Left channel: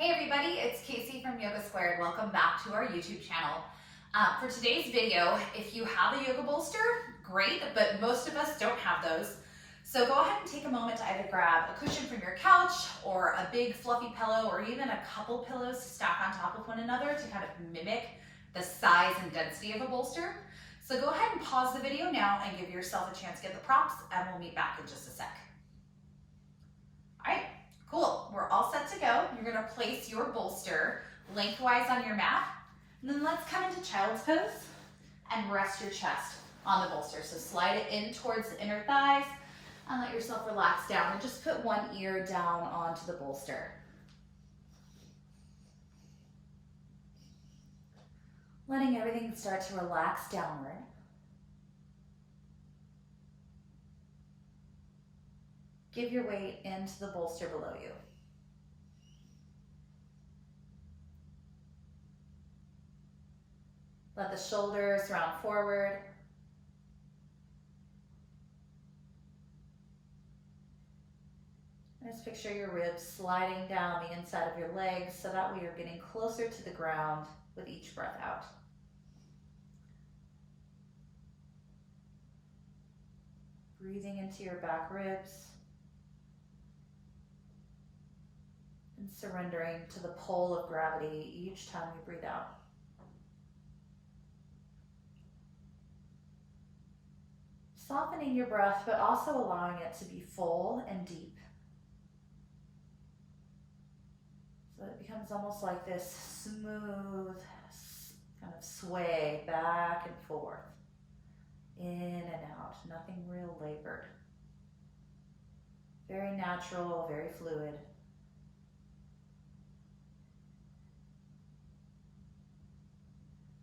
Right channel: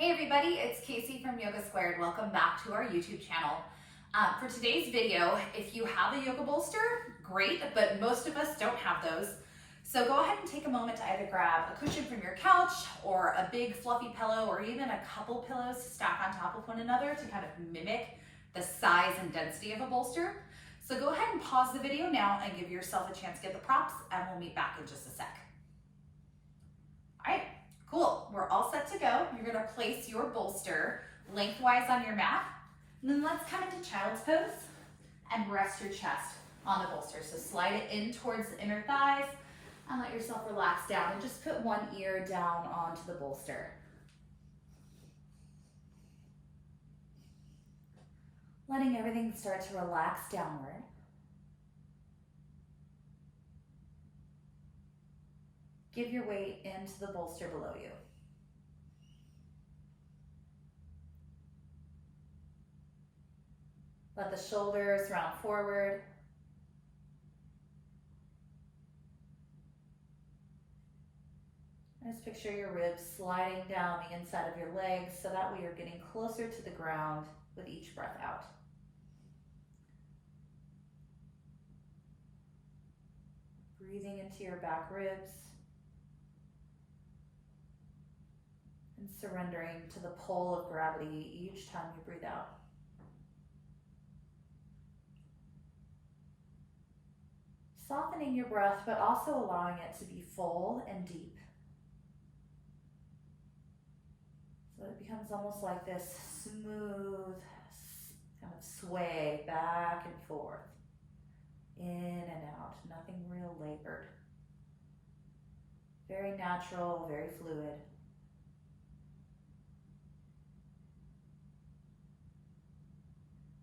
Hey everybody, it's Casey from Yoga Squared. Welcome back to our YouTube channel. For today's video, if you have a yoga bolster, great, but most of us don't have those. So go ahead and take a moment to either grab a cushion from your couch or a big fluffy pillow or even a couple pillows to stack on top of one another to kind of mimic the size and density of a bolster. So go ahead and pause the video now and give yourself a chance to get the props, and we'll meet back in just a sec. All right. Cool, we're all set to go. You're gonna place your bolster lengthwise on your mat, and then let's come into child's pose and rest your chest on the bolster. So slide it in towards the inner thighs and let yourself relax down, and just put one ear down onto the bolster. Letting everything start to relax downward. Give your weight into the bolster below you. Let the shoulders round forward. Just picture your ribs sliding down the inside of your legs so that way you're getting closer to the ground with each breath out. Breathing into your back ribs. And surrendering to the pull of gravity each time you breathe out. Softening your breath, but also allowing it to be full and deep. So it becomes almost like this smooth kind of sway back and forth, in and out, nothing real labored. Very natural, very fluid.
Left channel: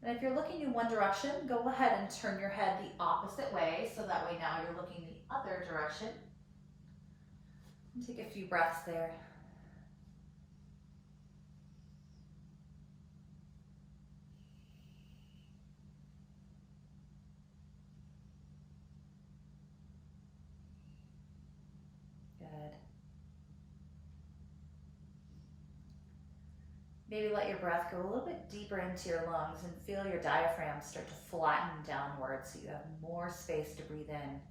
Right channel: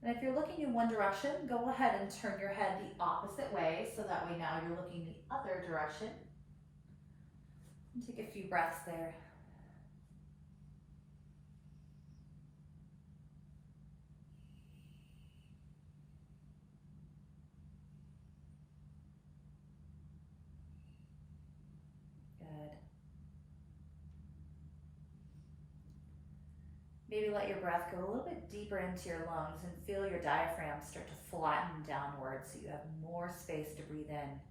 And if you're looking in one direction, go ahead and turn your head the opposite way, so that way now you're looking the other direction. And take a few breaths there. Good. Maybe let your breath go a little bit deeper into your lungs and feel your diaphragm start to flatten downward so you have more space to breathe in.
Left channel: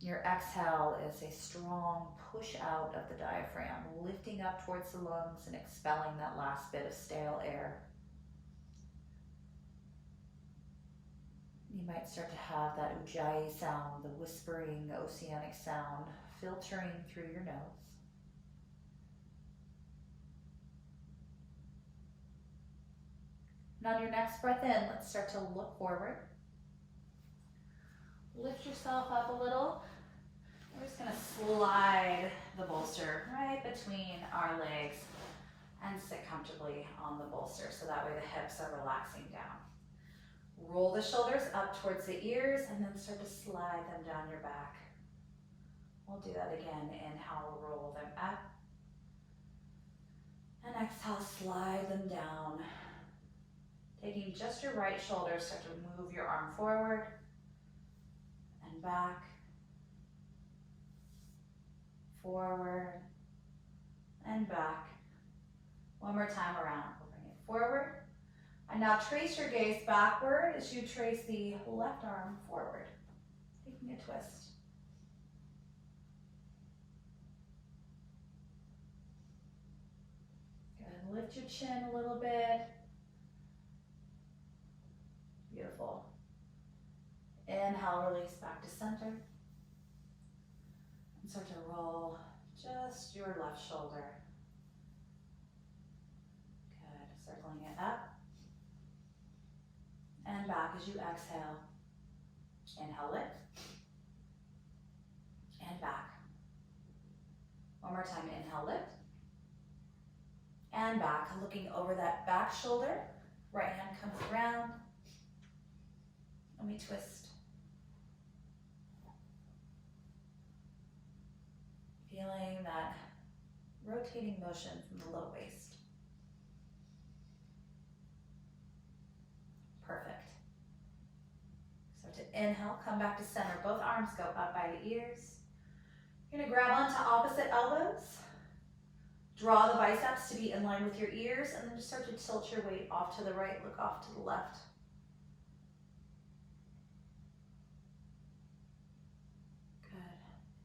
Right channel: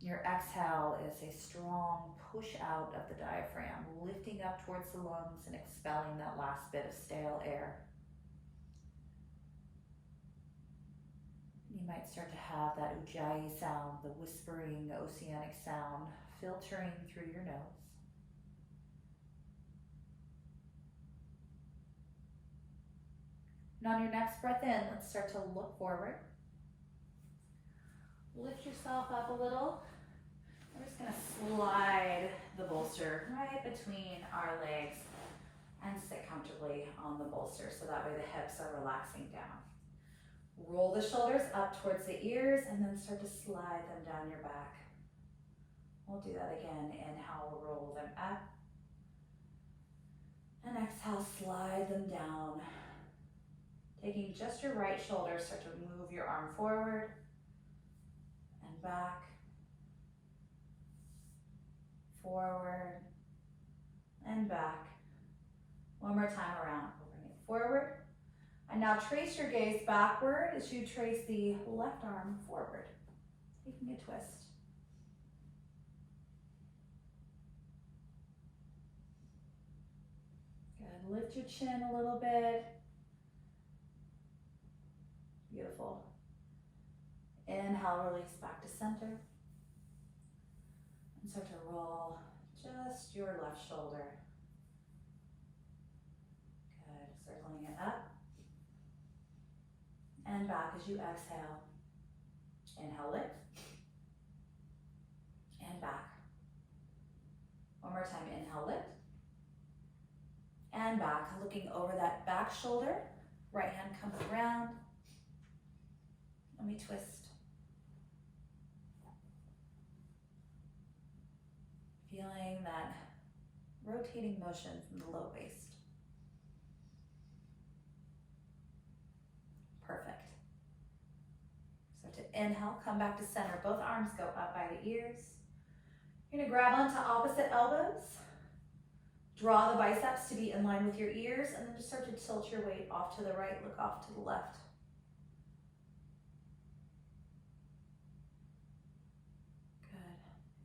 Your exhale is a strong push out of the diaphragm, lifting up towards the lungs and expelling that last bit of stale air. You might start to have that ujjayi sound, the whispering oceanic sound, filtering through your nose. And on your next breath in, let's start to look forward. Lift yourself up a little. We're just gonna slide the bolster right between our legs and sit comfortably on the bolster so that way the hips are relaxing down. Roll the shoulders up towards the ears and then start to slide them down your back. We'll do that again. Inhale, roll them up. And exhale, slide them down. Taking just your right shoulder, start to move your arm forward and back, forward and back. One more time around. We'll bring it forward. And now trace your gaze backward as you trace the left arm forward, taking a twist. Good. Lift your chin a little bit. Beautiful. Inhale, release back to center. And start to roll just your left shoulder. Good. Circling it up and back as you exhale. Inhale, lift. And back. One more time. Inhale, lift. And back. Looking over that back shoulder. Right hand comes around. And we twist. Feeling that rotating motion from the low waist. Perfect. So to inhale, come back to center. Both arms go up by the ears. You're gonna grab onto opposite elbows. Draw the biceps to be in line with your ears, and then just start to tilt your weight off to the right, look off to the left.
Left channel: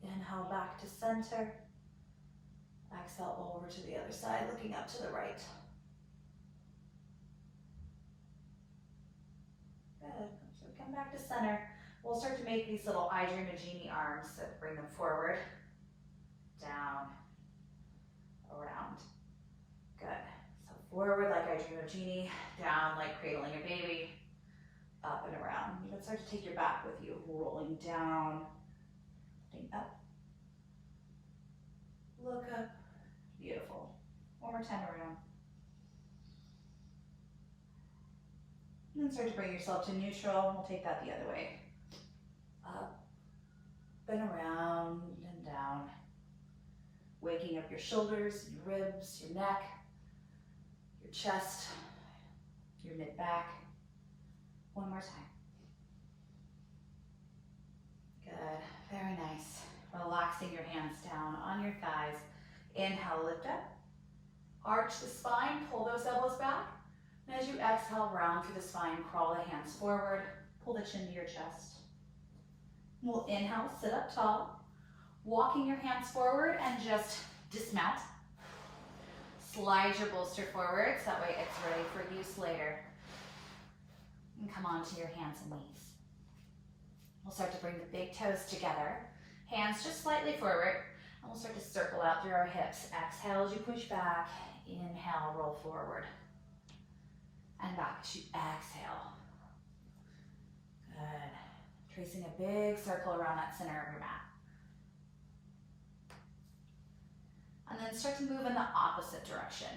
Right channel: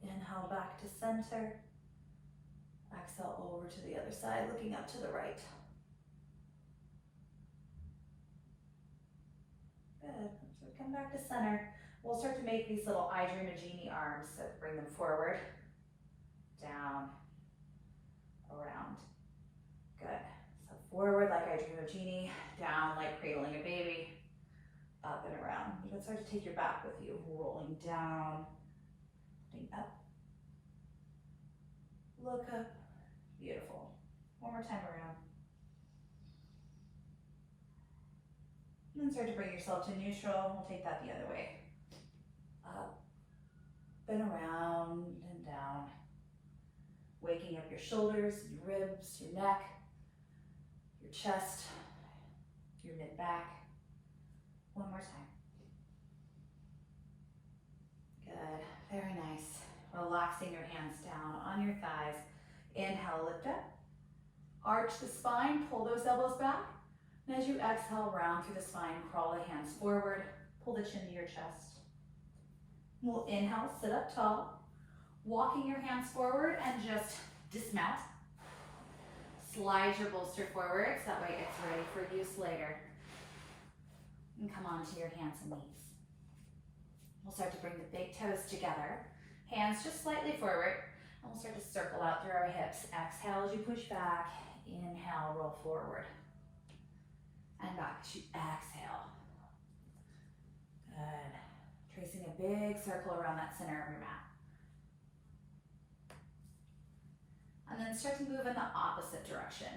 Good. Inhale back to center. Exhale over to the other side, looking up to the right. Good. So come back to center. We'll start to make these little I Dream a Genie arms, so bring them forward, down, around. Good. So forward like I Dream of Genie, down like cradling a baby, up and around. You can start to take your back with you, rolling down, looking up, look up. Beautiful. One more time around. And then start to bring yourself to neutral. We'll take that the other way. Up and around and down. Waking up your shoulders, your ribs, your neck, your chest, your mid-back. One more time. Good, very nice. Relaxing your hands down on your thighs. Inhale, lift up. Arch the spine, pull those elbows back. And as you exhale, round through the spine, crawl the hands forward, pull the chin to your chest. We'll inhale, sit up tall. Walking your hands forward and just dismount. Slide your bolster forward, so that way it's ready for use later. And come onto your hands and knees. We'll start to bring the big toes together. Hands just slightly forward. And we'll start to circle out through our hips. Exhale as you push back. Inhale, roll forward. And back as you exhale. Good. Tracing a big circle around that center of your mat. And then start to move in the opposite direction.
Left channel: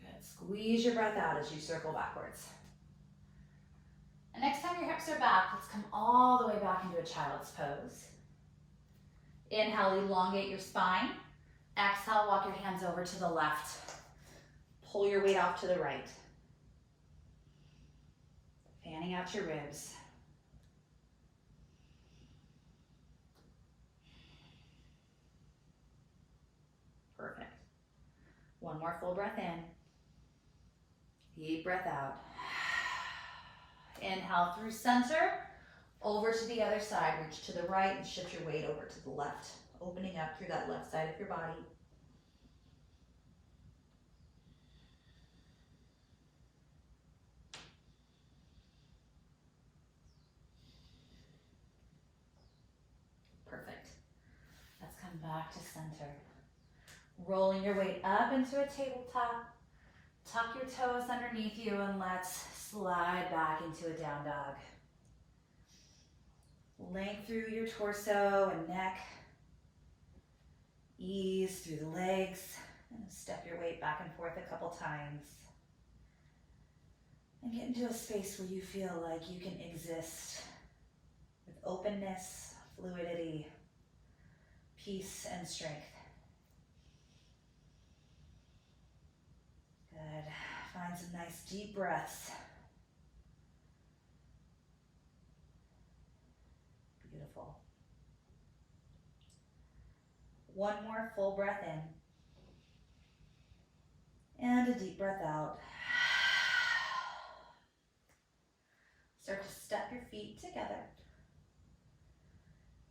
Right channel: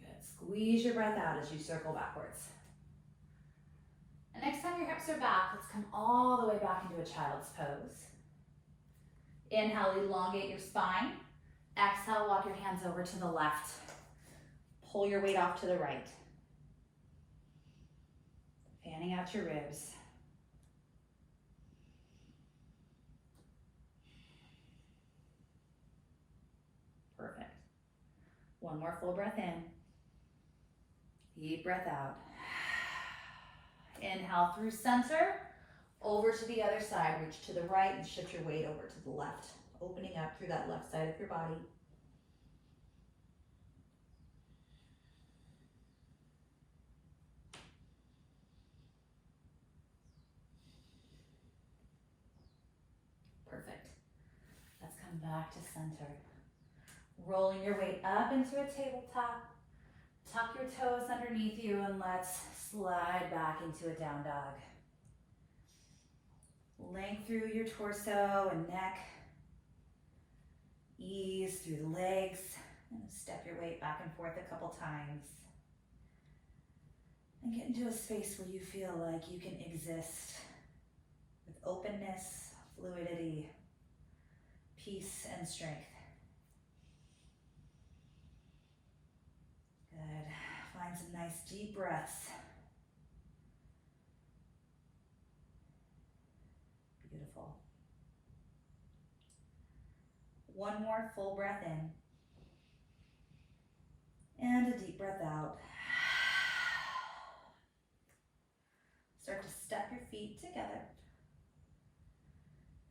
Good. Squeeze your breath out as you circle backwards. And next time your hips are back, let's come all the way back into a child's pose. Inhale, elongate your spine. Exhale, walk your hands over to the left. Pull your weight off to the right. Fanning out your ribs. Perfect. One more full breath in. Deep breath out. Inhale through center, over to the other side. Reach to the right and shift your weight over to the left, opening up through that left side of your body. Perfect. Let's come back to center. Rolling your weight up into a tabletop. Tuck your toes underneath you and let's slide back into a down dog. Length through your torso and neck. Ease through the legs. And step your weight back and forth a couple times. And get into a space where you feel like you can exist with openness, fluidity, peace, and strength. Good. Find some nice deep breaths. Beautiful. One more full breath in. And a deep breath out. Start to step your feet together.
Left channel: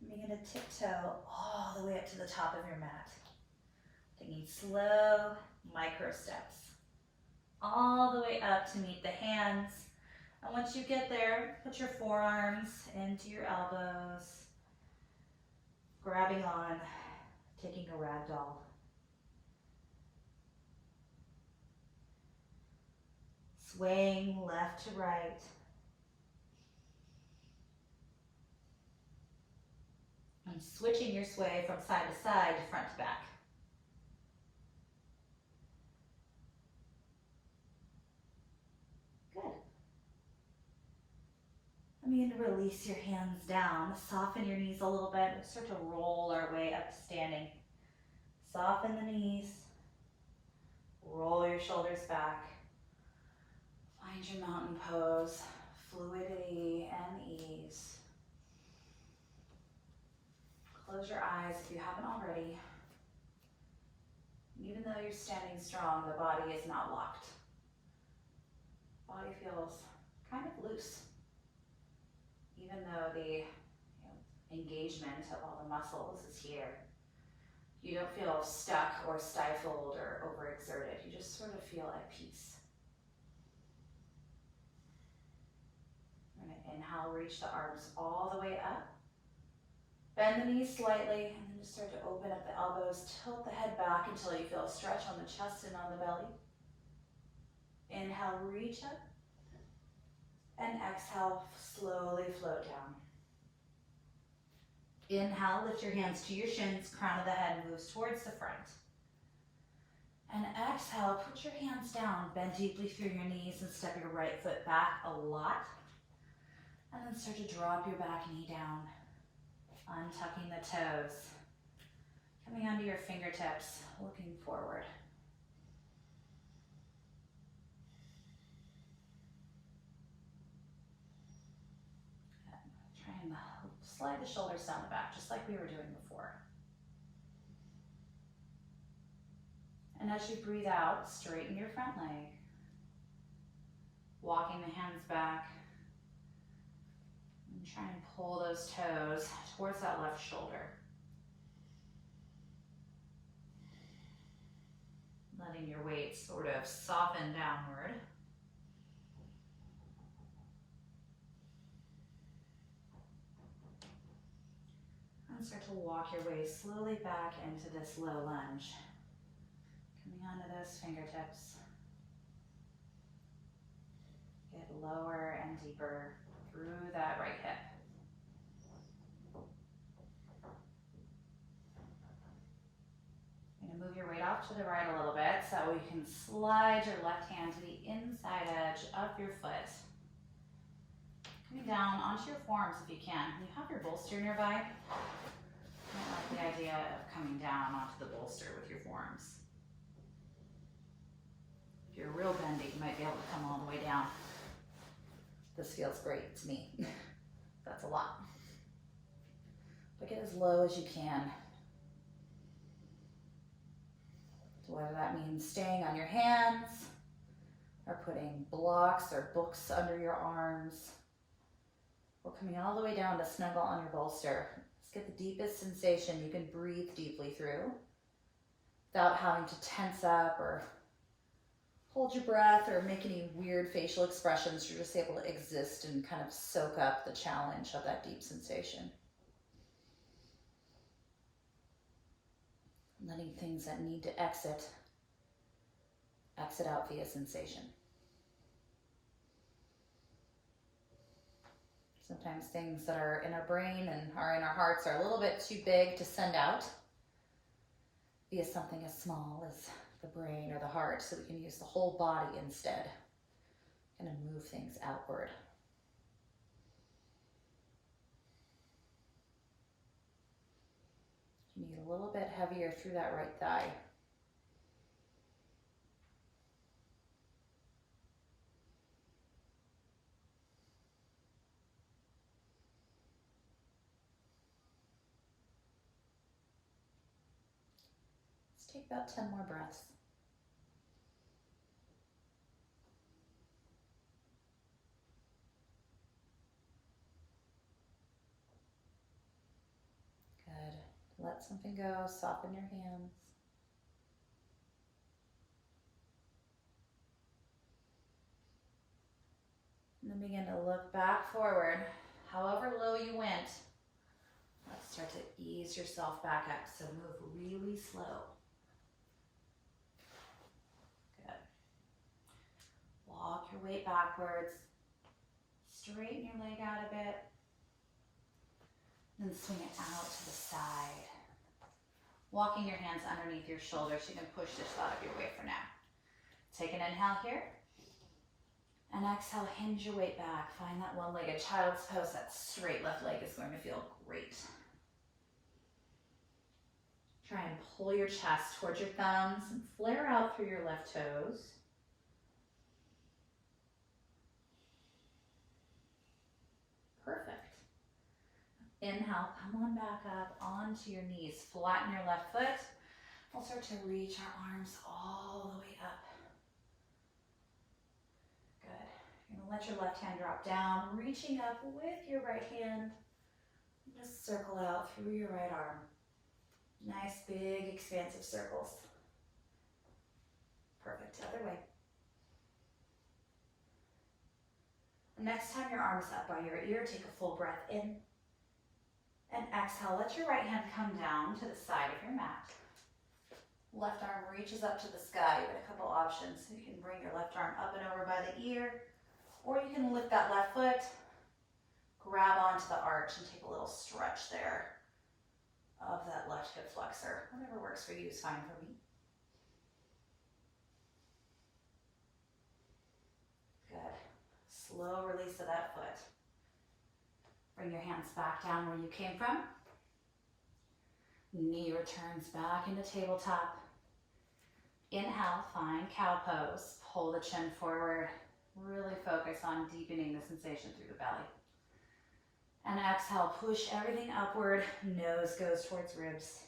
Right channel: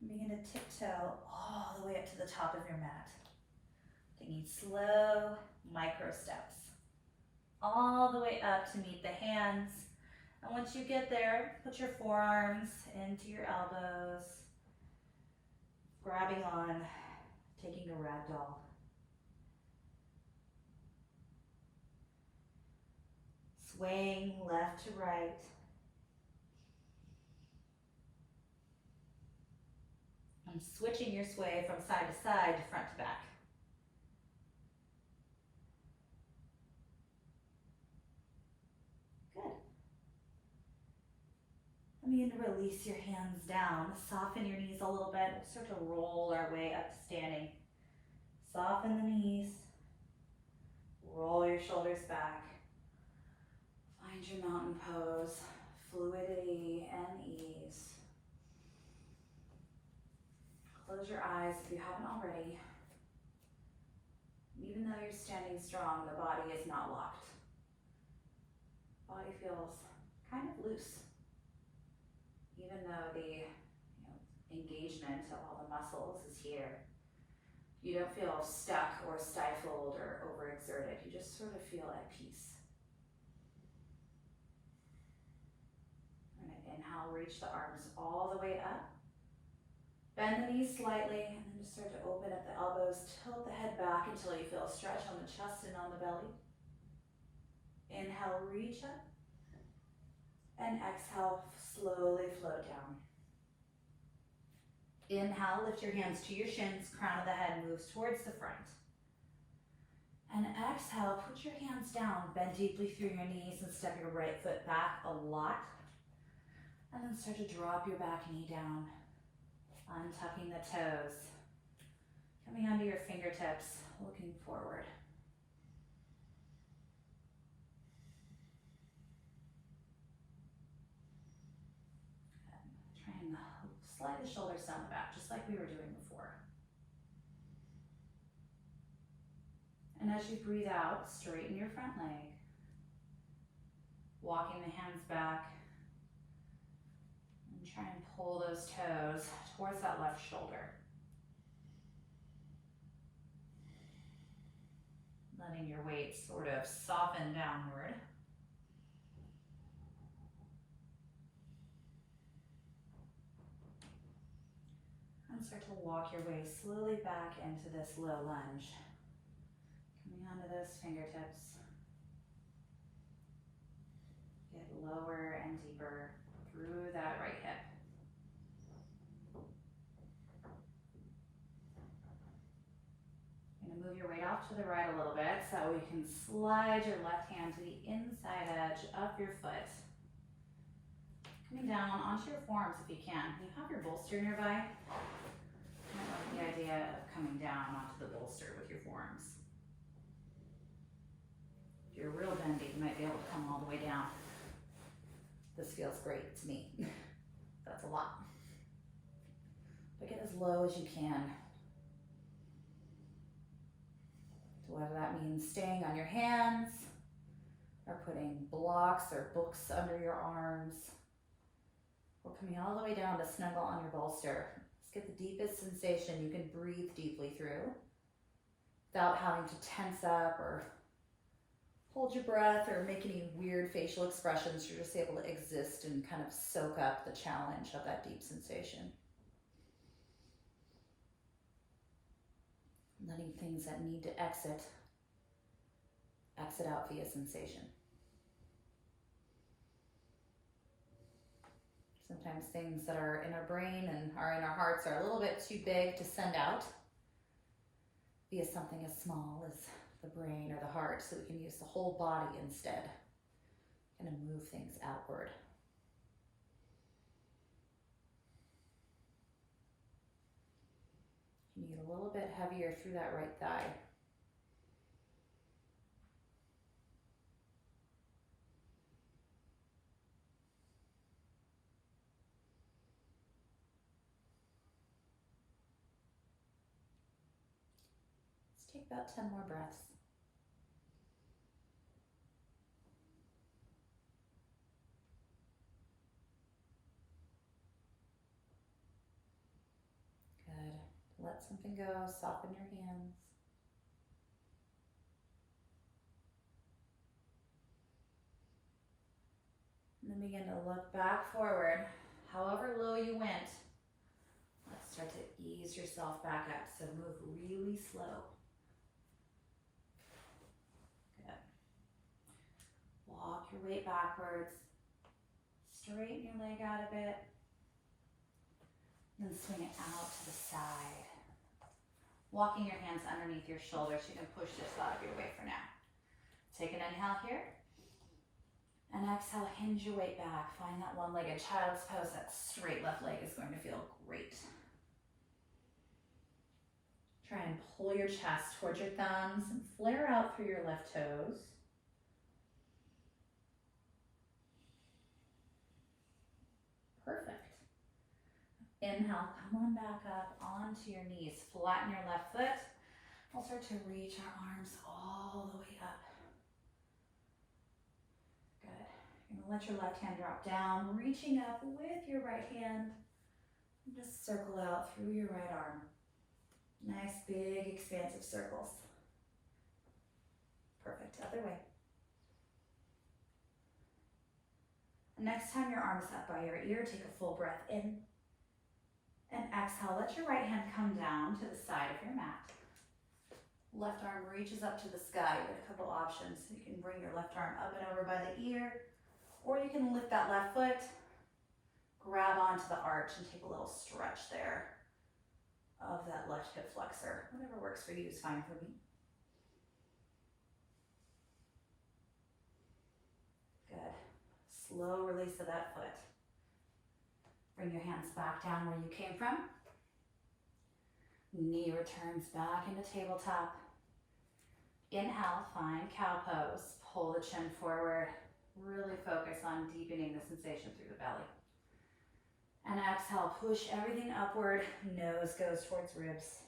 Begin to tiptoe all the way up to the top of your mat. Taking slow micro steps. All the way up to meet the hands. And once you get there, put your forearms into your elbows, grabbing on, taking a ragdoll. Swaying left to right. And switching your sway from side to side, front to back. Good. And begin to release your hands down. Soften your knees a little bit. We'll start to roll our way up to standing. Soften the knees. Roll your shoulders back. Find your mountain pose. Fluidity and ease. close your eyes if you haven't already. Even though you're standing strong, the body is not locked. Body feels kind of loose. Even though the engagement of all the muscles is here, you don't feel stuck or stifled or overexerted. You just sort of feel at peace. We're going to inhale, reach the arms all the way up. Bend the knees slightly, and then just start to open up the elbows. Tilt the head back until you feel a stretch on the chest and on the belly. Inhale, reach up. And exhale, slowly float down. Inhale, lift your hands to your shins, crown of the head moves towards the front. And exhale, put your hands down, bend deeply through your knees and step your right foot back a lot. And then start to drop your back knee down, untucking the toes, coming onto your fingertips, looking forward. Try and slide the shoulders down the back, just like we were doing before. And as you breathe out, straighten your front leg. Walking the hands back. And try and pull those toes towards that left shoulder. Letting your weight sort of soften downward. And start to walk your way slowly back into this low lunge. Coming onto those fingertips. Get lower and deeper through that right hip. You're gonna move your weight off to the right a little bit so you can slide your left hand to the inside edge of your foot. Coming down onto your forearms if you can. You have your bolster nearby. I don't like the idea of coming down onto the bolster with your forearms. If you're real bendy, you might be able to come all the way down. This feels great to me. That's a lot. But get as low as you can. So whether that means staying on your hands, or putting blocks or books under your arms, or coming all the way down to snuggle on your bolster. Let's get the deepest sensation you can breathe deeply through without having to tense up or hold your breath or make any weird facial expressions. You're just able to exist and kind of soak up the challenge of that deep sensation. Letting things that need to exit out via sensation. Sometimes things that are in our brain and are in our hearts are a little bit too big to send out via something as small as the brain or the heart, so we can use the whole body instead. Kind of move things outward. You need a little bit heavier through that right thigh. Let's take about 10 more breaths. Good. Let something go, soften your hands. And then begin to look back forward. However low you went, let's start to ease yourself back up. So move really slow. Good. Walk your weight backwards. Straighten your leg out a bit. Then swing it out to the side. Walking your hands underneath your shoulders. You can push this out of your way for now. Take an inhale here. And exhale, hinge your weight back. Find that one-legged child's pose. That straight left leg is going to feel great. Try and pull your chest towards your thumbs and flare out through your left toes. Perfect. Inhale, come on back up onto your knees. Flatten your left foot. We'll start to reach our arms all the way up. Good. You're gonna let your left hand drop down, reaching up with your right hand. And just circle out through your right arm. Nice, big, expansive circles. Perfect. Other way. Next time your arm's up by your ear, take a full breath in. And exhale, let your right hand come down to the side of your mat. Left arm reaches up to the sky. You have a couple options. You can bring your left arm up and over by the ear, or you can lift that left foot, grab onto the arch and take a little stretch there of that left hip flexor. Whatever works for you is fine for me. Good. Slow release of that foot. Bring your hands back down where you came from. Knee returns back into tabletop. Inhale, find cow pose. Pull the chin forward. Really focus on deepening the sensation through the belly. And exhale, push everything upward. Nose goes towards ribs.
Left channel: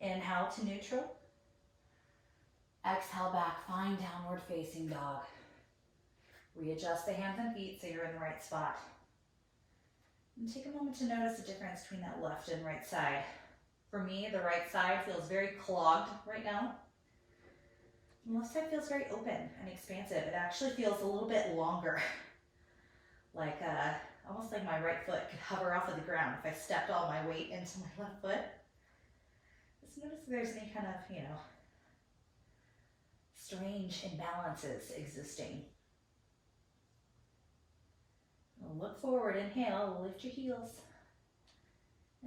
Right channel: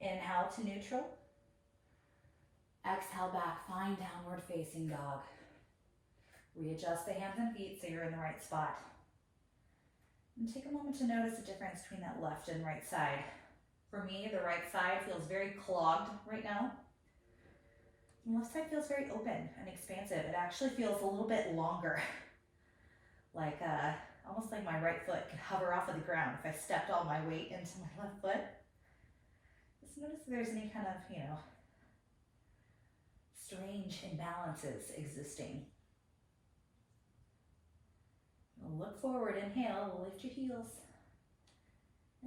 Inhale to neutral. Exhale back, find downward facing dog. Readjust the hands and feet so you're in the right spot. And take a moment to notice the difference between that left and right side. For me, the right side feels very clogged right now. The left side feels very open and expansive. It actually feels a little bit longer. Like, almost like my right foot could hover off of the ground if I stepped all my weight into my left foot. Just notice if there's any kind of, strange imbalances existing. Look forward, inhale, lift your heels,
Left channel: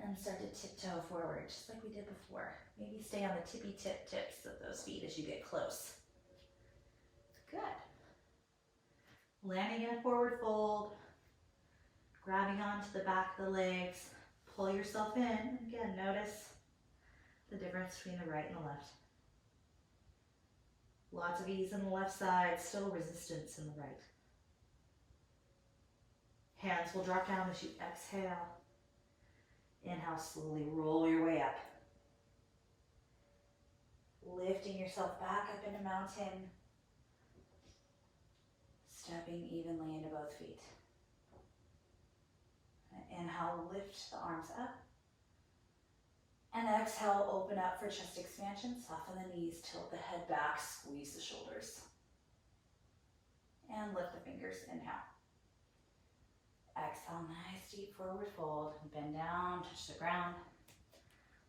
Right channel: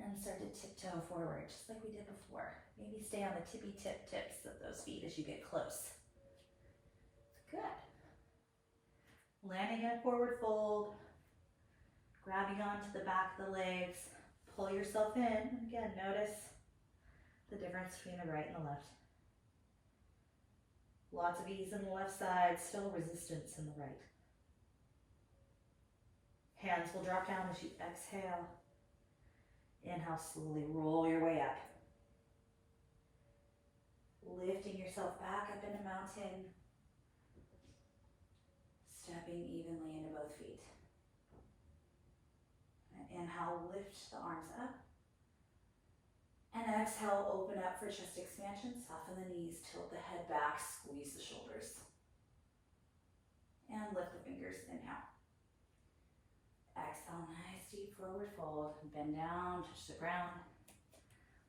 and start to tiptoe forward, just like we did before. Maybe stay on the tippy tips of those feet as you get close. Good. Landing in a forward fold, grabbing onto the back of the legs, pull yourself in, and again, notice the difference between the right and the left. Lots of ease on the left side, still resistance in the right. Hands will drop down as you exhale. Inhale, slowly roll your way up. Lifting yourself back up into mountain. Stepping evenly into both feet. Inhale, lift the arms up. And exhale, open up for chest expansion. Soften the knees, tilt the head back, squeeze the shoulders. And lift the fingers, inhale. Exhale, nice deep forward fold. Bend down, touch the ground.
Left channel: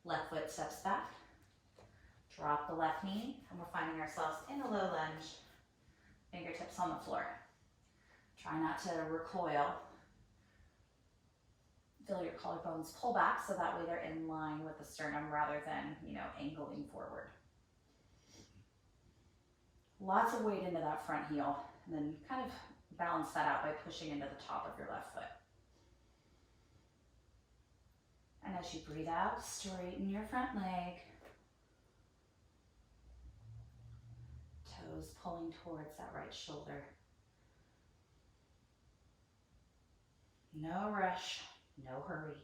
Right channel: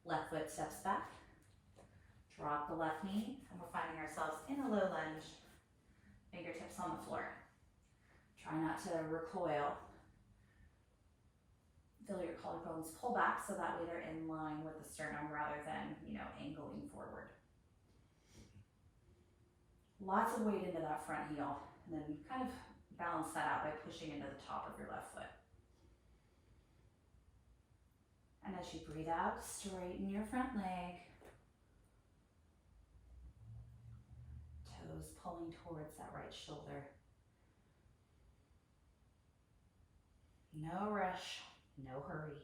Left foot steps back. Drop the left knee, and we're finding ourselves in a low lunge. Fingertips on the floor. Try not to recoil. Feel your collarbones pull back so that way they're in line with the sternum rather than, angling forward. Lots of weight into that front heel, and then kind of balance that out by pushing into the top of your left foot. And as you breathe out, straighten your front leg. Toes pulling towards that right shoulder. No rush, no hurry.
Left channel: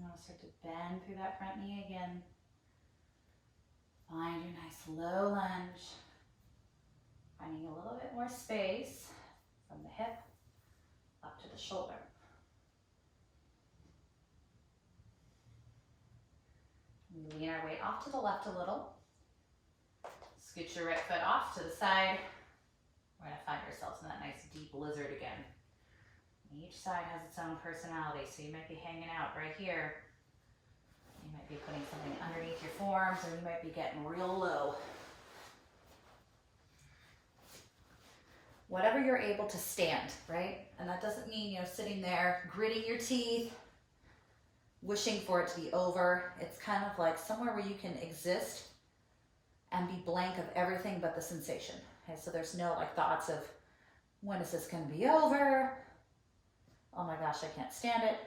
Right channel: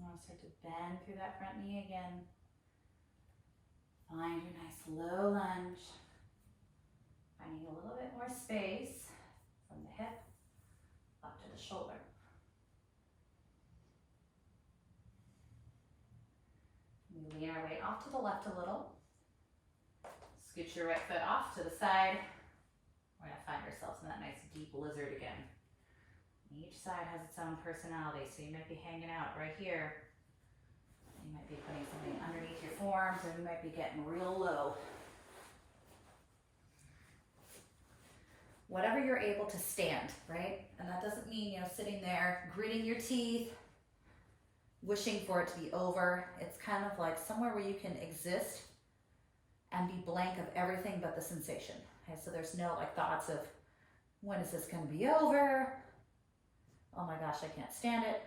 Now start to bend through that front knee again. Find your nice low lunge. Finding a little bit more space from the hip up to the shoulder. We lean our weight off to the left a little. Scoot your right foot off to the side. We're going to find ourselves in that nice deep lizard again. Each side has its own personality, so you might be hanging out right here. You might be putting something underneath your forearms, or you might be getting real low. Whatever you're able to stand, right? And that doesn't mean, sitting there, gritting your teeth, wishing for it to be over. It's kind of like somewhere where you can exist and be blank of everything but the sensation. Okay, so there's no thoughts of, when is this going to be over? Oh my gosh, I can't stand it.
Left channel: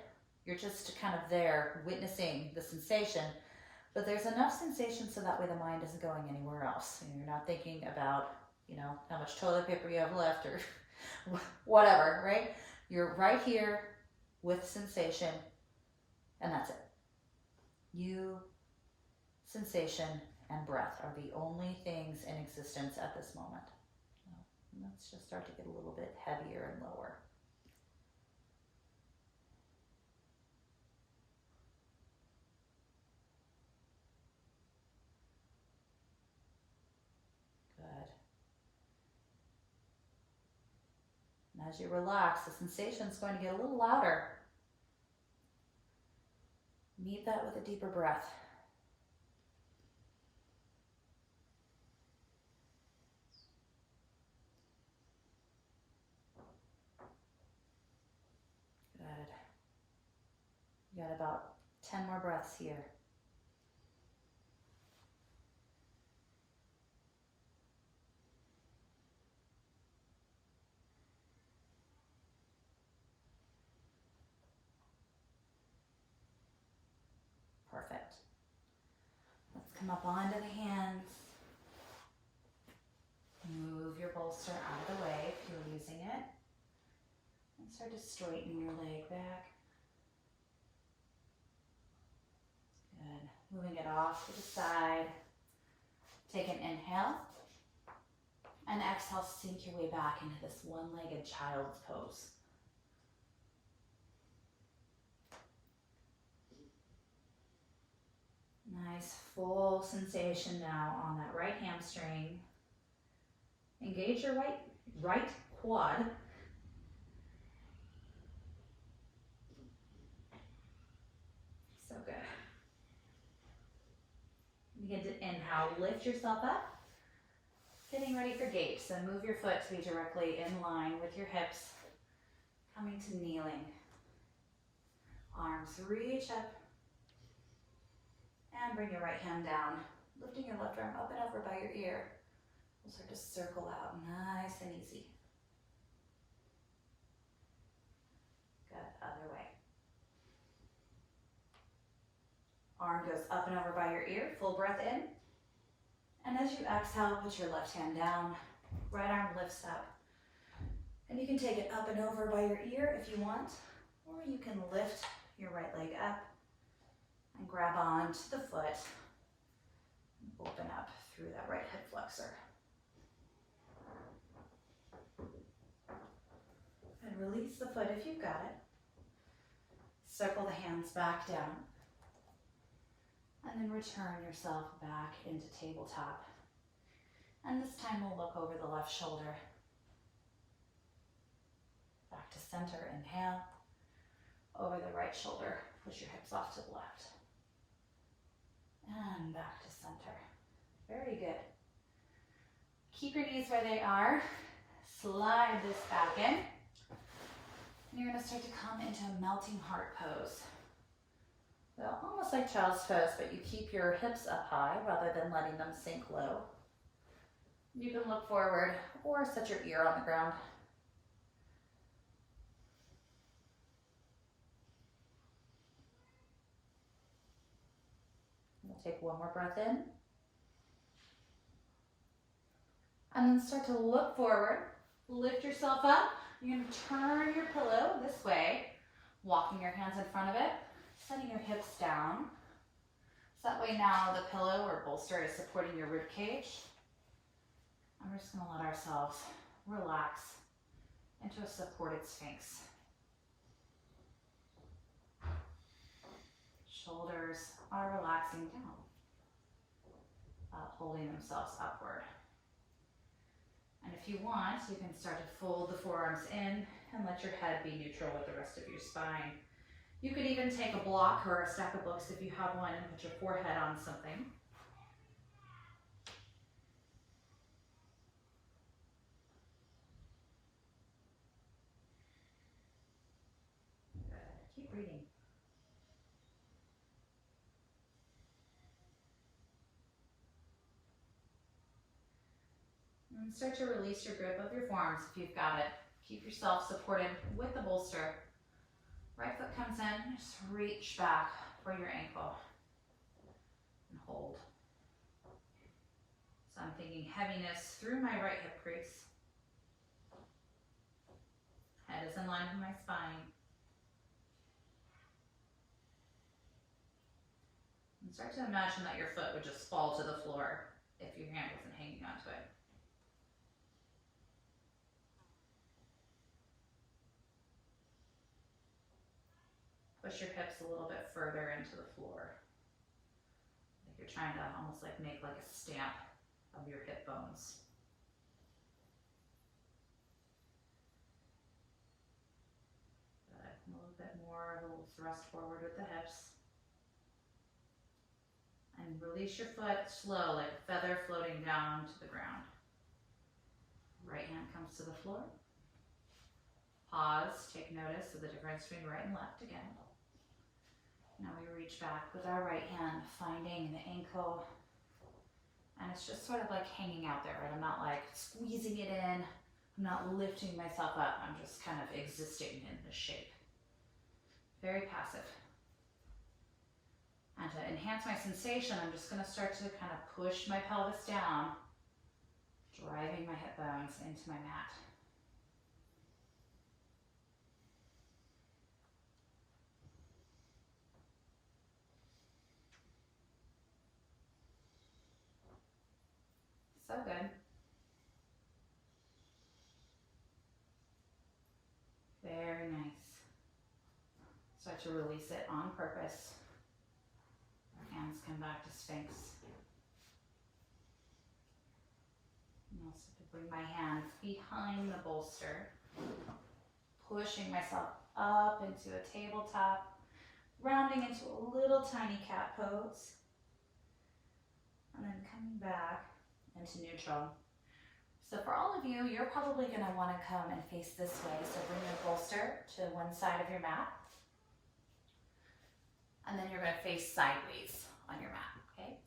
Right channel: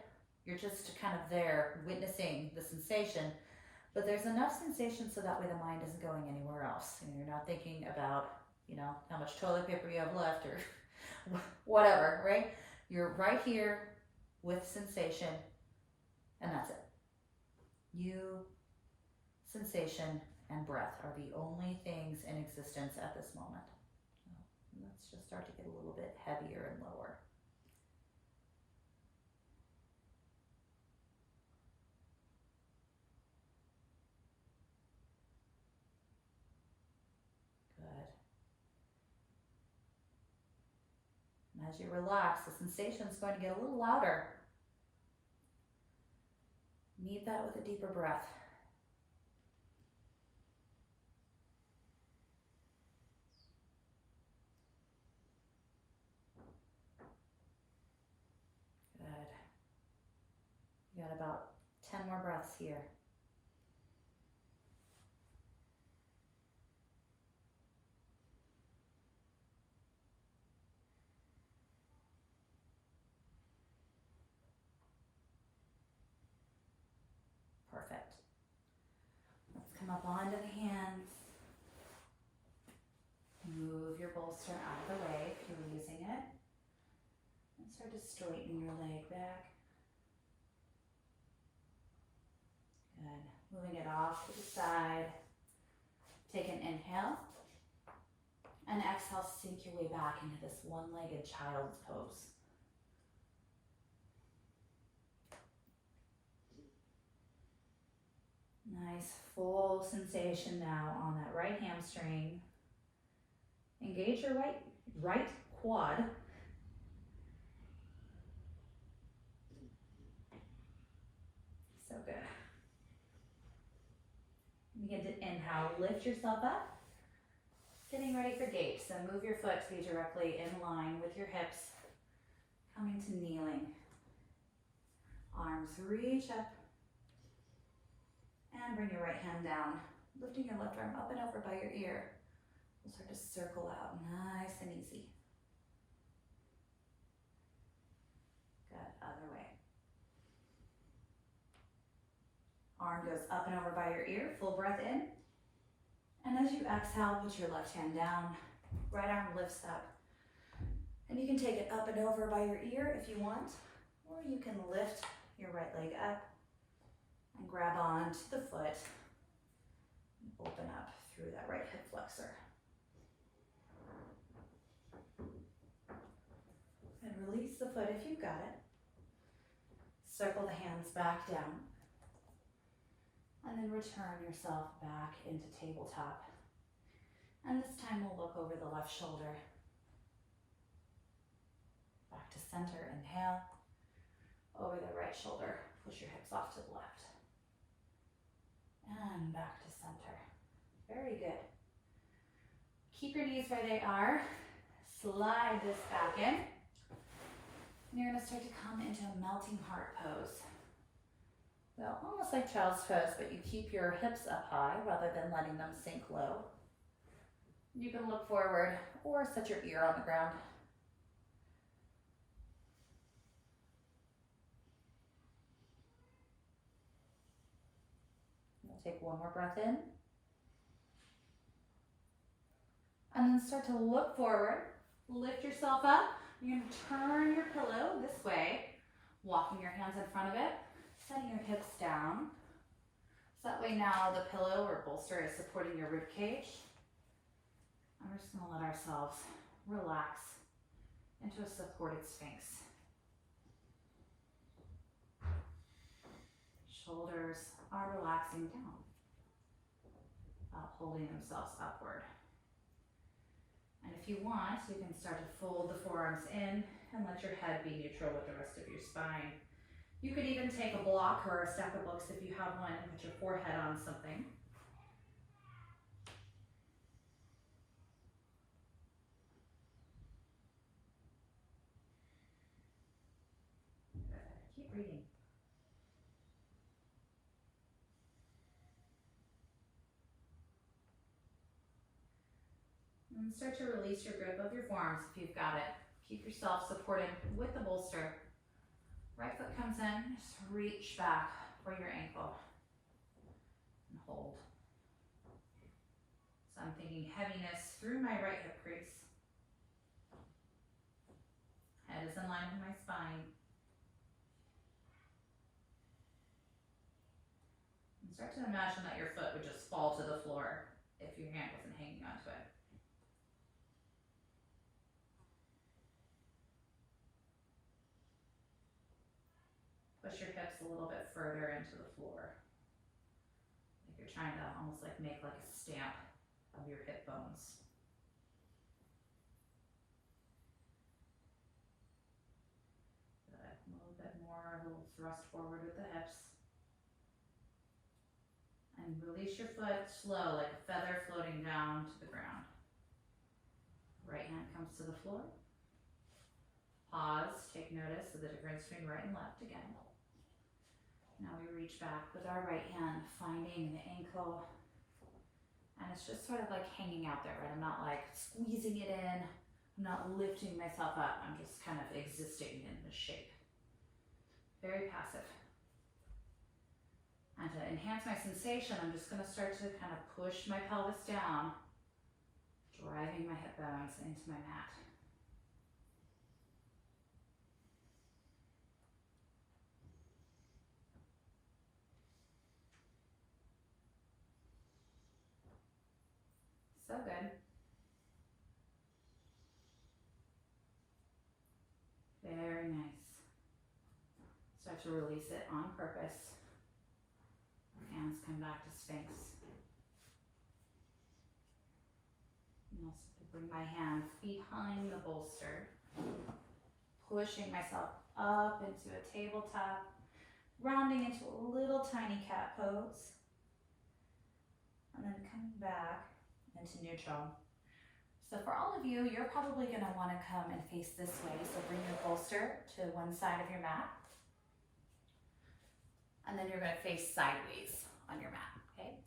You're just kind of there witnessing the sensation, but there's enough sensation so that way the mind isn't going anywhere else. You know, you're not thinking about, you know, how much toilet paper you have left or whatever, right? You're right here with sensation, and that's it. You, sensation, and breath are the only things in existence at this moment. Let's just start to get a little bit heavier and lower. Good. And as you relax, the sensation is going to get a little louder. Meet that with a deeper breath. Good. You got about 10 more breaths here. Perfect. Let's come up onto the hands. Move your bolster out of the way if you're using it. And start to straighten your leg back. Good. Moving it off to the side. Take an inhale. And exhale, sink your way back into this one-legged child's pose. Nice full sensation now on that right hamstring. Engage your right quad. So good. Begin to inhale, lift yourself up. Getting ready for gate, so move your foot to be directly in line with your hips. Coming to kneeling. Arms reach up. And bring your right hand down. Lifting your left arm up and over by your ear. We'll start to circle out, nice and easy. Good, other way. Arm goes up and over by your ear, full breath in. And as you exhale, put your left hand down, right arm lifts up. And you can take it up and over by your ear if you want, or you can lift your right leg up and grab onto the foot and open up through that right hip flexor. And release the foot if you've got it. Circle the hands back down. And then return yourself back into tabletop. And this time we'll look over the left shoulder. Back to center, inhale. Over the right shoulder, push your hips off to the left. And back to center. Very good. Keep your knees where they are. Slide this back in. And you're going to start to come into a melting heart pose. So almost like child's pose, but you keep your hips up high rather than letting them sink low. You can look forward or set your ear on the ground. We'll take one more breath in. And then start to look forward. Lift yourself up. You're going to turn your pillow this way, walking your hands in front of it, setting your hips down. So that way now the pillow or bolster is supporting your rib cage. And we're just going to let ourselves relax into a supported sphinx. Shoulders are relaxing down, holding themselves upward. And if you want, you can start to fold the forearms in and let your head be neutral with the rest of your spine. You could even take a block or a stack of books if you have one and put your forehead on something. Good. Keep reading. And start to release your grip of your forearms if you've got it. Keep yourself supported with the bolster. Right foot comes in, just reach back for your ankle and hold. So I'm thinking heaviness through my right hip crease. Head is in line with my spine. And start to imagine that your foot would just fall to the floor if your hand wasn't hanging onto it. Push your hips a little bit further into the floor. Like you're trying to almost like make like a stamp of your hip bones. Good. A little bit more, a little thrust forward with the hips. And release your foot slow, like a feather floating down to the ground. Right hand comes to the floor. Pause, take notice of the difference between right and left again. Now we reach back with our right hand, finding the ankle. And it's just sort of like hanging out there, right? I'm not like squeezing it in. I'm not lifting myself up. I'm just kind of existing in the shape. Very passive. And to enhance my sensation, I'm just going to start to kind of push my pelvis down, driving my hip bones into my mat. So good. Very nice. Start to release it on purpose. Hands come back to Sphinx. And also to bring my hands behind the bolster, pushing myself up into a tabletop, rounding into a little tiny cat pose, and then coming back into neutral. So for all of you, you're probably going to want to come and face this way. So bring your bolster to one side of your mat. And then you're going to face sideways on your mat, okay?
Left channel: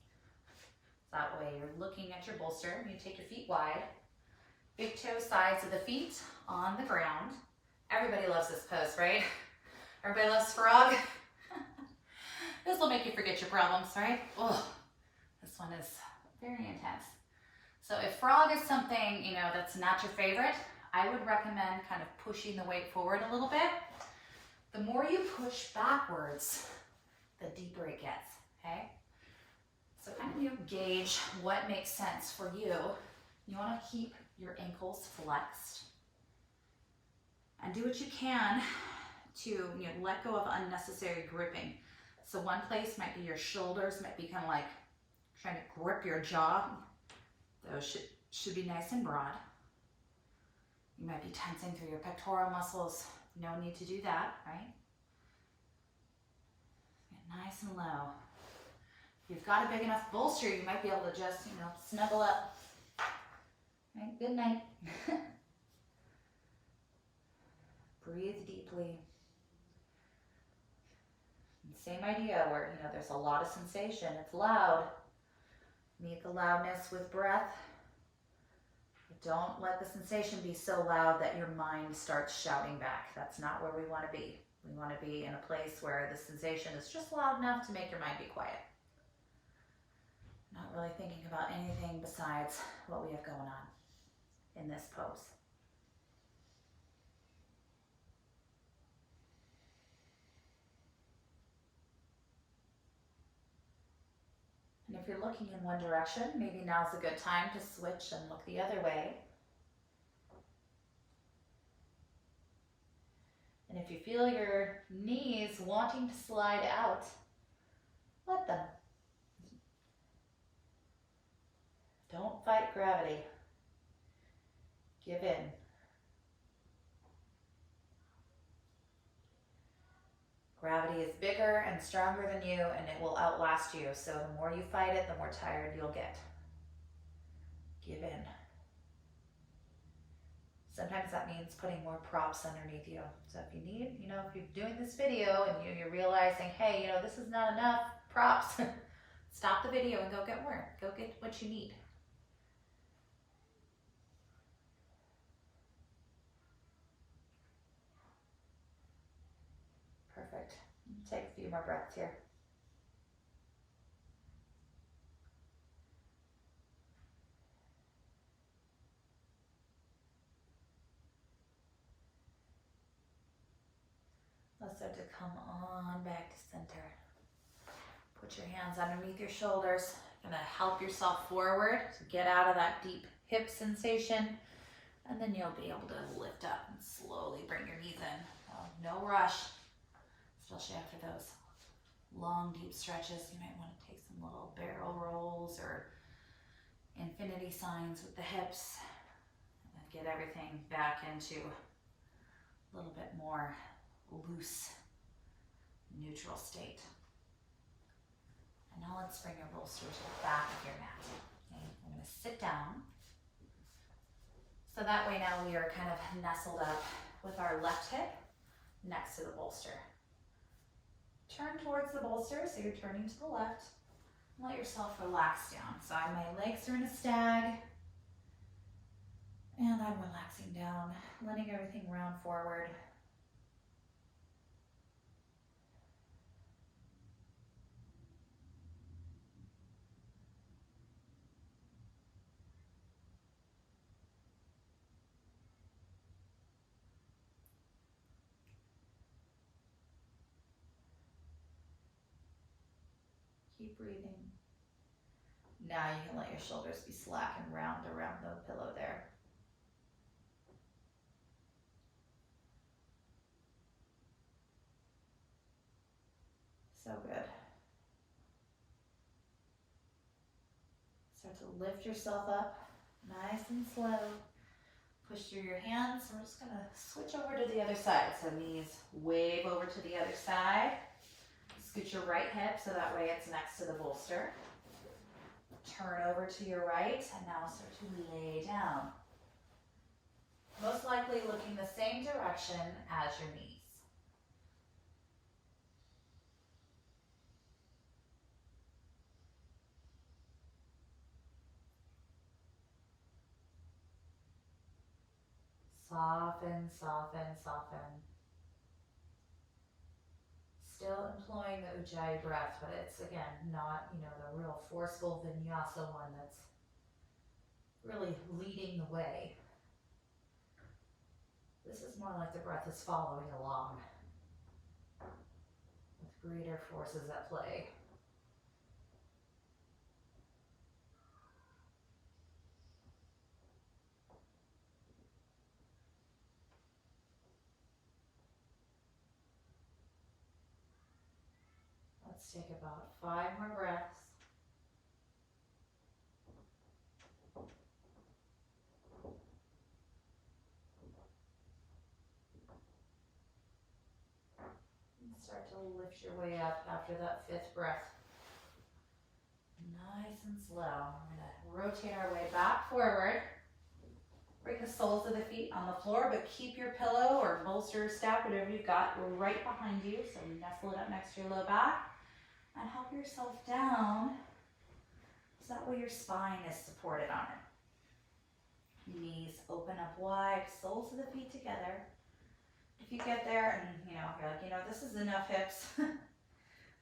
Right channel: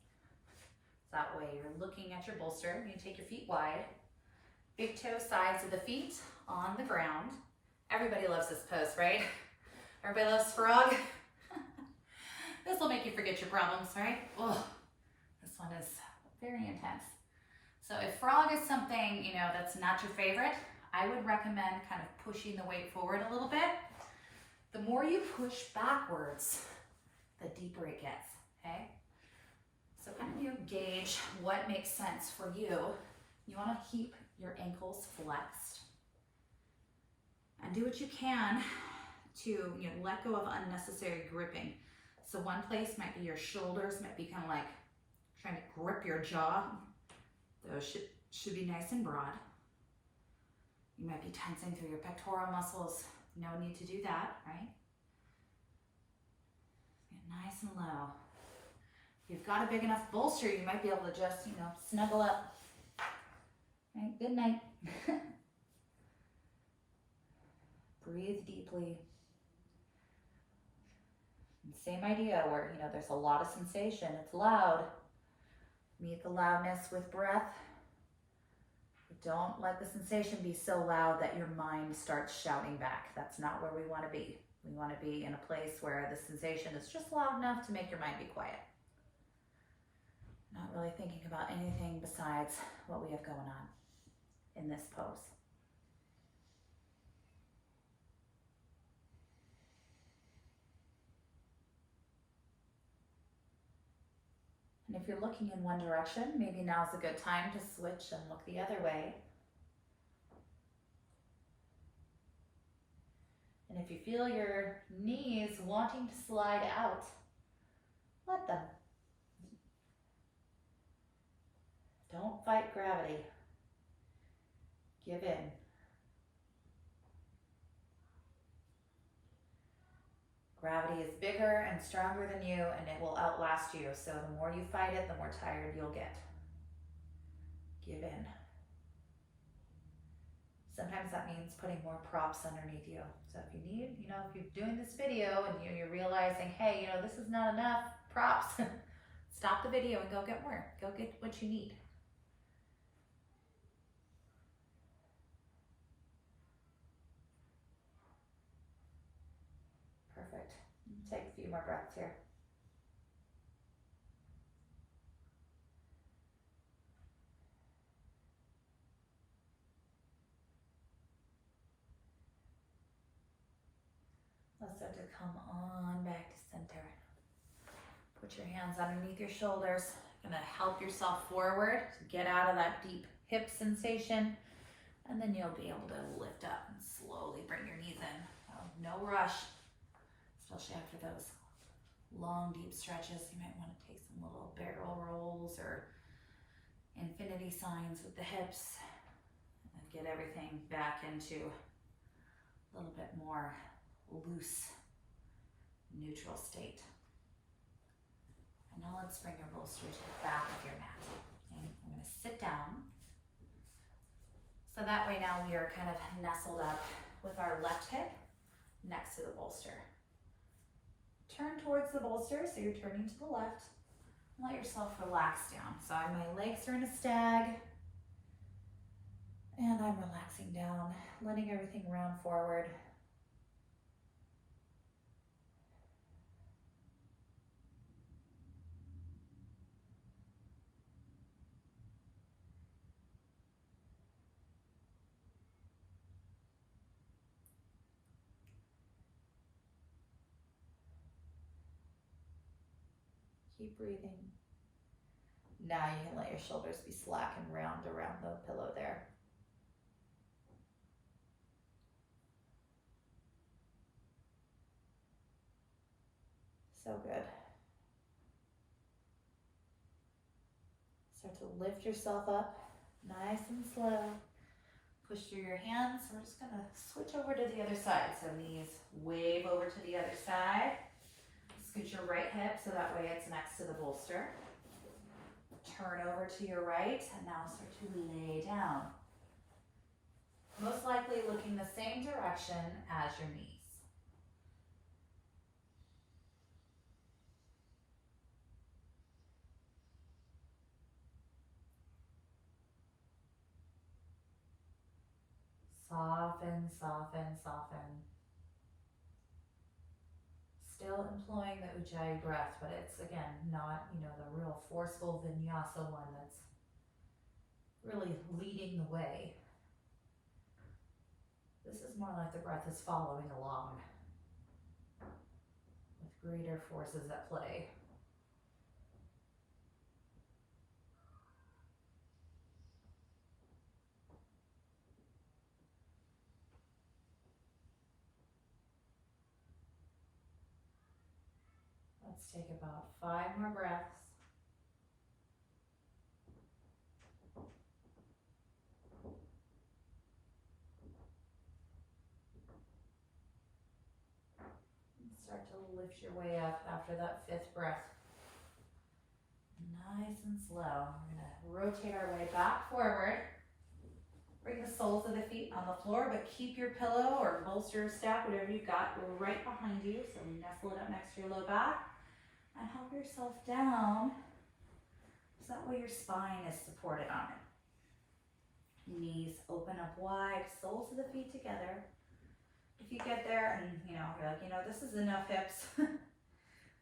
So that way you're looking at your bolster. You take your feet wide. Big toe sides of the feet on the ground. Everybody loves this pose, right? Everybody loves frog. This will make you forget your problems, right? Oh, this one is very intense. So if frog is something, you know, that's not your favorite, I would recommend kind of pushing the weight forward a little bit. The more you push backwards, the deeper it gets, okay? So kind of you gauge what makes sense for you. You want to keep your ankles flexed and do what you can to let go of unnecessary gripping. So one place might be your shoulders, might be kind of like trying to grip your jaw. Those should be nice and broad. You might be tensing through your pectoral muscles. No need to do that, right? Get nice and low. If you've got a big enough bolster, you might be able to just, snuggle up. Right? Good night. Breathe deeply. And same idea where, there's a lot of sensation. It's loud. Meet the loudness with breath. But don't let the sensation be so loud that your mind starts shouting back. That's not where we want to be. We want to be in a place where the sensation is just loud enough to make your mind be quiet. Not really thinking about anything besides what we have going on in this pose. And if you're looking in one direction, maybe now's a good time to switch and look the other way. And if you feel your knees wanting to slide out, let them. Don't fight gravity. Give in. Gravity is bigger and stronger than you, and it will outlast you. So the more you fight it, the more tired you'll get. Give in. Sometimes that means putting more props underneath you. So if you need, if you're doing this video and you're realizing, hey, this is not enough props, stop the video and go get more. Go get what you need. Take a few more breaths here. Let's start to come on back to center. Put your hands underneath your shoulders. Gonna help yourself forward to get out of that deep hip sensation. And then you'll be able to lift up and slowly bring your knees in. No rush, especially after those long, deep stretches. You might want to take some little barrel rolls or infinity signs with the hips and get everything back into a little bit more loose, neutral state. And now let's bring your bolster to the back of your mat. Okay, I'm going to sit down. So that way now we are kind of nestled up with our left hip next to the bolster. Turn towards the bolster, so you're turning to the left. Let yourself relax down. So my legs are in a stag, and I'm relaxing down, letting everything round forward. Keep breathing. Now you can let your shoulders be slack and round around the pillow there. So good. Start to lift yourself up, nice and slow. Push through your hands. We're just gonna switch over to the other side. So knees wave over to the other side. Scoot your right hip so that way it's next to the bolster. Turn over to your right and now start to lay down. Most likely looking the same direction as your knees. Soften, soften, soften. Still employing the Ujjayi breath, but it's again not, the real forceful vinyasa one that's really leading the way. This is more like the breath is following along with greater forces at play. Let's take about 5 more breaths. And start to lift your way up after that 5th breath. Nice and slow. We're going to rotate our way back forward. Bring the soles of the feet on the floor, but keep your pillow or bolster, stack, whatever you've got, right behind you. So nestle it up next to your low back. And help yourself down so that way your spine is supported on it. Knees open up wide, soles of the feet together. If you get there and you're like, this is enough hips.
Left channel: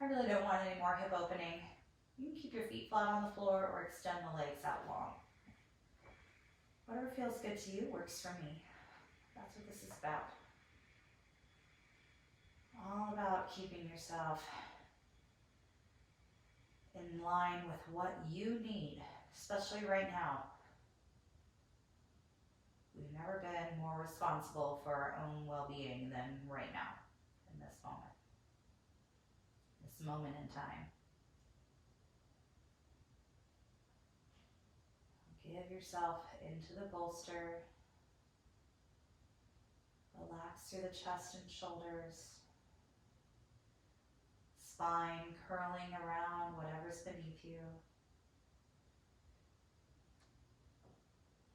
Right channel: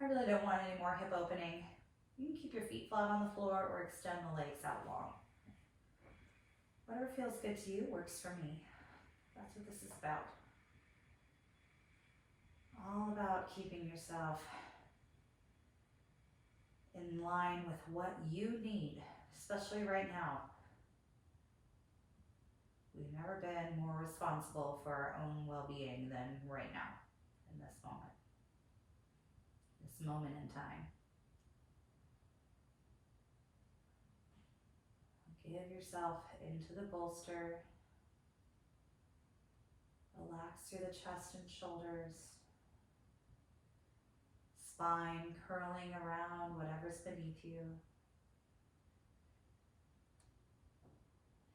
I really don't want any more hip opening. You can keep your feet flat on the floor or extend the legs out long. Whatever feels good to you works for me. That's what this is about. All about keeping yourself in line with what you need, especially right now. We've never been more responsible for our own well-being than right now, in this moment in time. Give yourself into the bolster. Relax through the chest and shoulders. Spine curling around whatever's beneath you.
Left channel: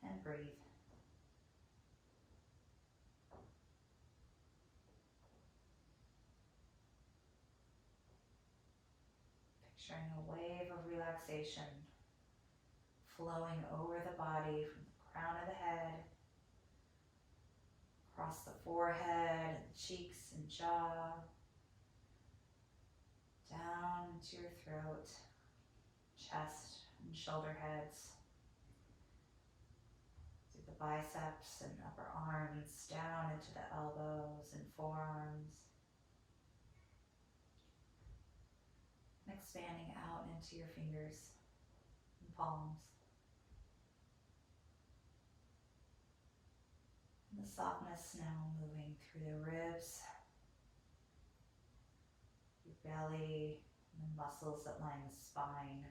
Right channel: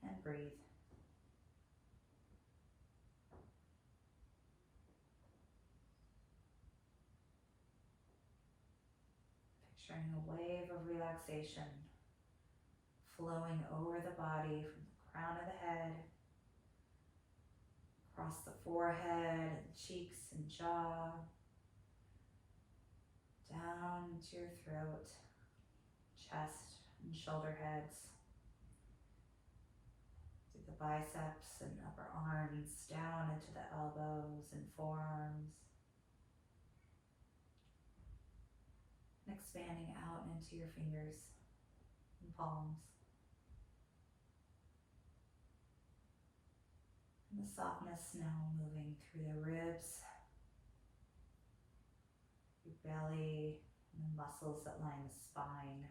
And breathe. Picturing a wave of relaxation flowing over the body from the crown of the head, across the forehead, and cheeks and jaw, down into your throat, chest and shoulder heads, through the biceps and upper arms, down into the elbows and forearms, and expanding out into your fingers and palms. And the softness now moving through the ribs, your belly, and the muscles that line the spine.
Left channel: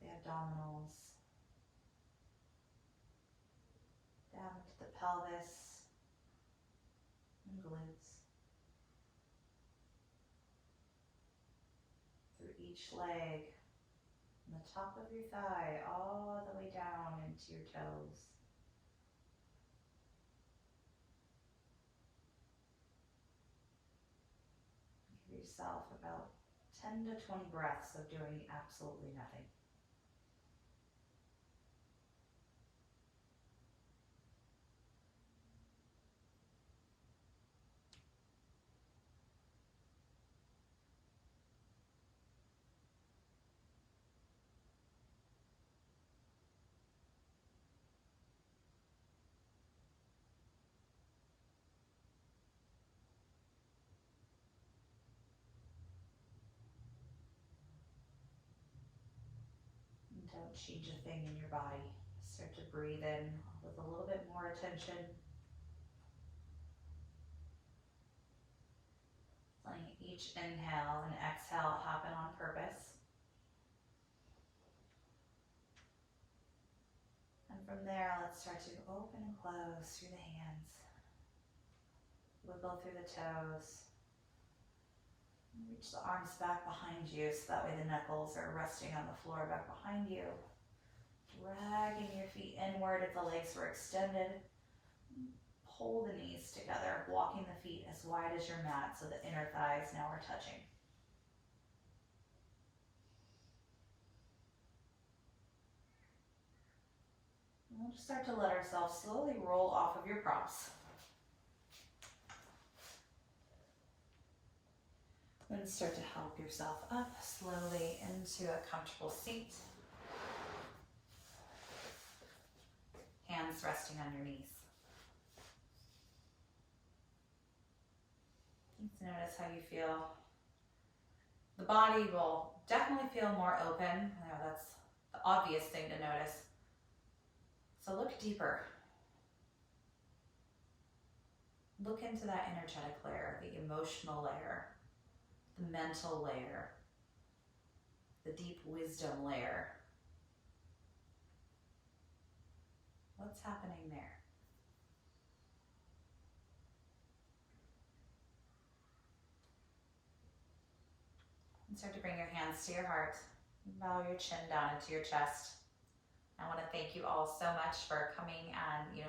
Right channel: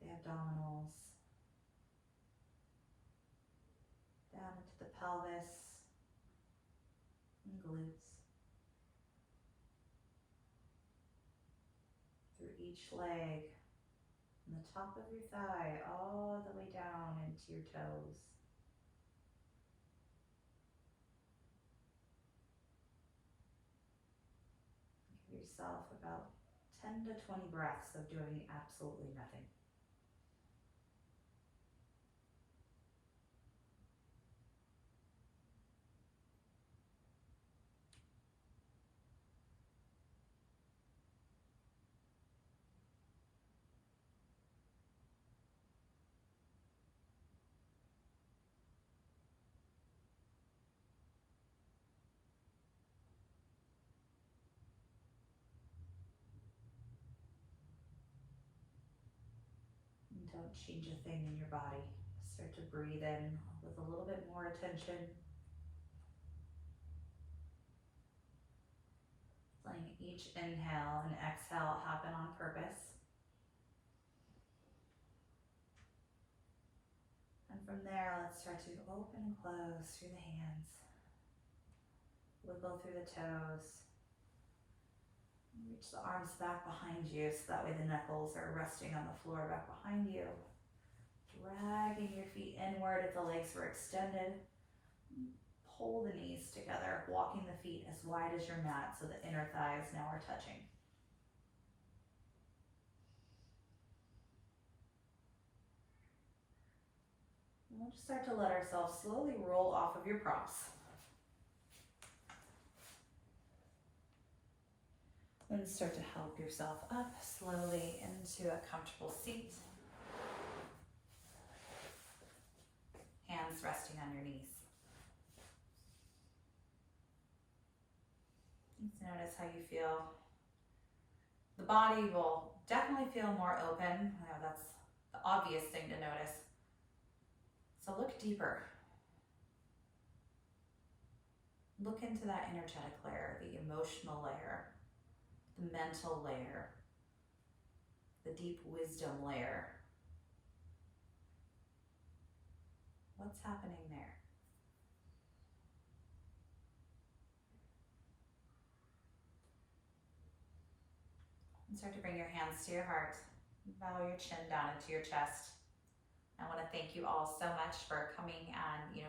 The abdominals, down into the pelvis and glutes, through each leg, from the top of your thigh all the way down into your toes. Give yourself about 10 to 20 breaths of doing absolutely nothing. And don't change a thing in your body. Start to breathe in with a little bit more attention. Letting each inhale and exhale happen on purpose. And from there, let's start to open and close through the hands. Wiggle through the toes. Reach the arms back behind you so that way the knuckles are resting on the floor back behind you. Dragging your feet inward if the legs were extended. Pull the knees together, walking the feet as wide as your mat so the inner thighs now are touching. And we'll just start to let ourselves slowly roll off of your props. And start to help yourself up slowly into a comfortable seat. Hands resting on your knees. Let's notice how you feel. The body will definitely feel more open. I know that's the obvious thing to notice. So look deeper. Look into that energetic layer, the emotional layer, the mental layer, the deep wisdom layer. What's happening there? And start to bring your hands to your heart. Bow your chin down into your chest. I want to thank you all so much for coming and,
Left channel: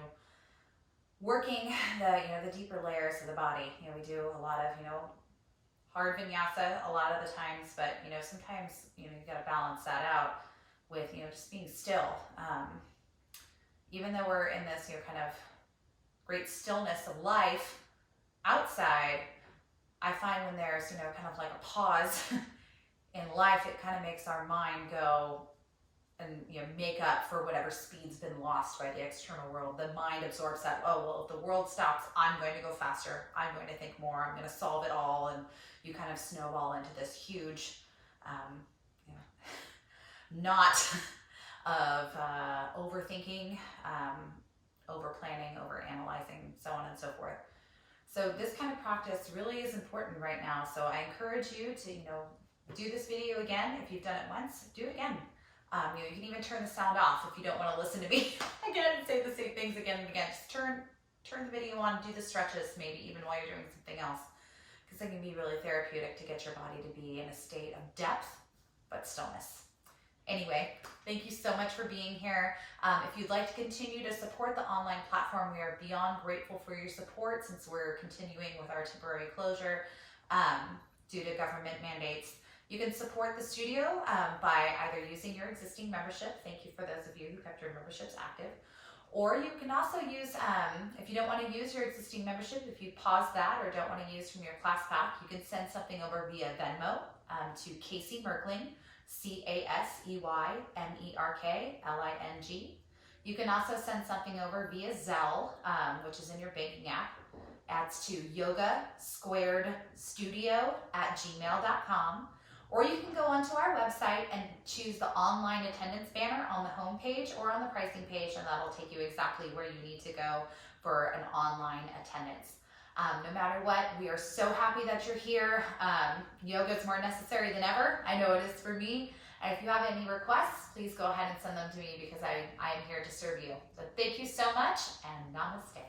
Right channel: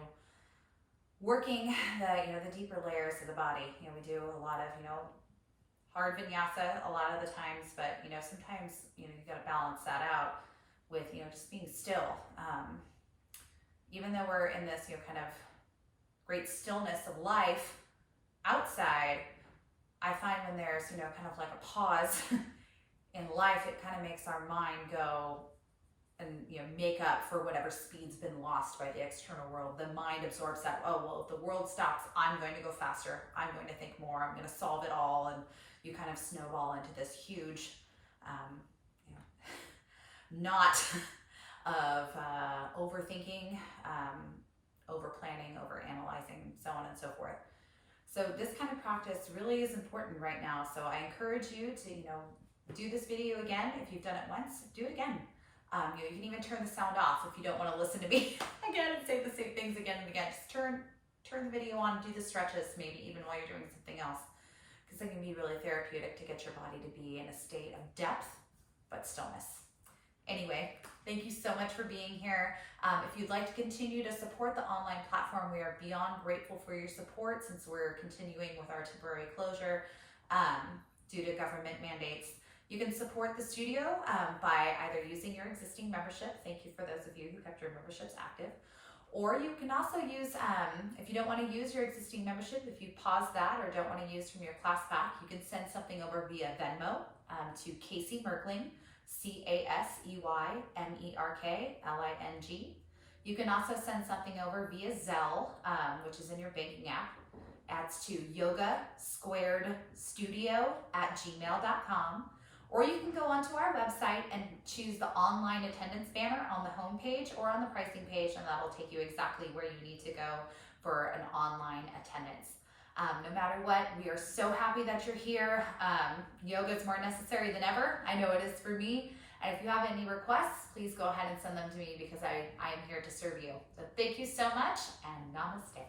working the deeper layers of the body. We do a lot of, hard vinyasa a lot of the times, but, sometimes, you got to balance that out with, just being still. Even though we're in this, kind of great stillness of life outside, I find when there's, kind of like a pause in life, it kind of makes our mind go and, make up for whatever speed's been lost by the external world. The mind absorbs that, oh, well, if the world stops, I'm going to go faster. I'm going to think more. I'm going to solve it all. And you kind of snowball into this huge, knot of overthinking, over-planning, over-analyzing, so on and so forth. So this kind of practice really is important right now. So I encourage you to, do this video again. If you've done it once, do it again. You can even turn the sound off if you don't want to listen to me again and say the same things again and again. Just turn the video on, do the stretches maybe even while you're doing something else, because it can be really therapeutic to get your body to be in a state of depth but stillness. Anyway, thank you so much for being here. If you'd like to continue to support the online platform, we are beyond grateful for your support since we're continuing with our temporary closure due to government mandates. You can support the studio by either using your existing membership. Thank you for those of you who kept your memberships active. Or you can also use, if you don't want to use your existing membership, if you pause that or don't want to use from your class pack, you can send something over via Venmo to Casey Merkling, CaseyMerkling. You can also send something over via Zelle, which is in your banking app. That's to yogasquaredstudio@gmail.com. Or you can go onto our website and choose the online attendance banner on the home page or on the pricing page, and that'll take you exactly where you need to go for an online attendance. No matter what, we are so happy that you're here. Yoga is more necessary than ever. I know it is for me. And if you have any requests, please go ahead and send them to me because I am here to serve you. So thank you so much, and namaste.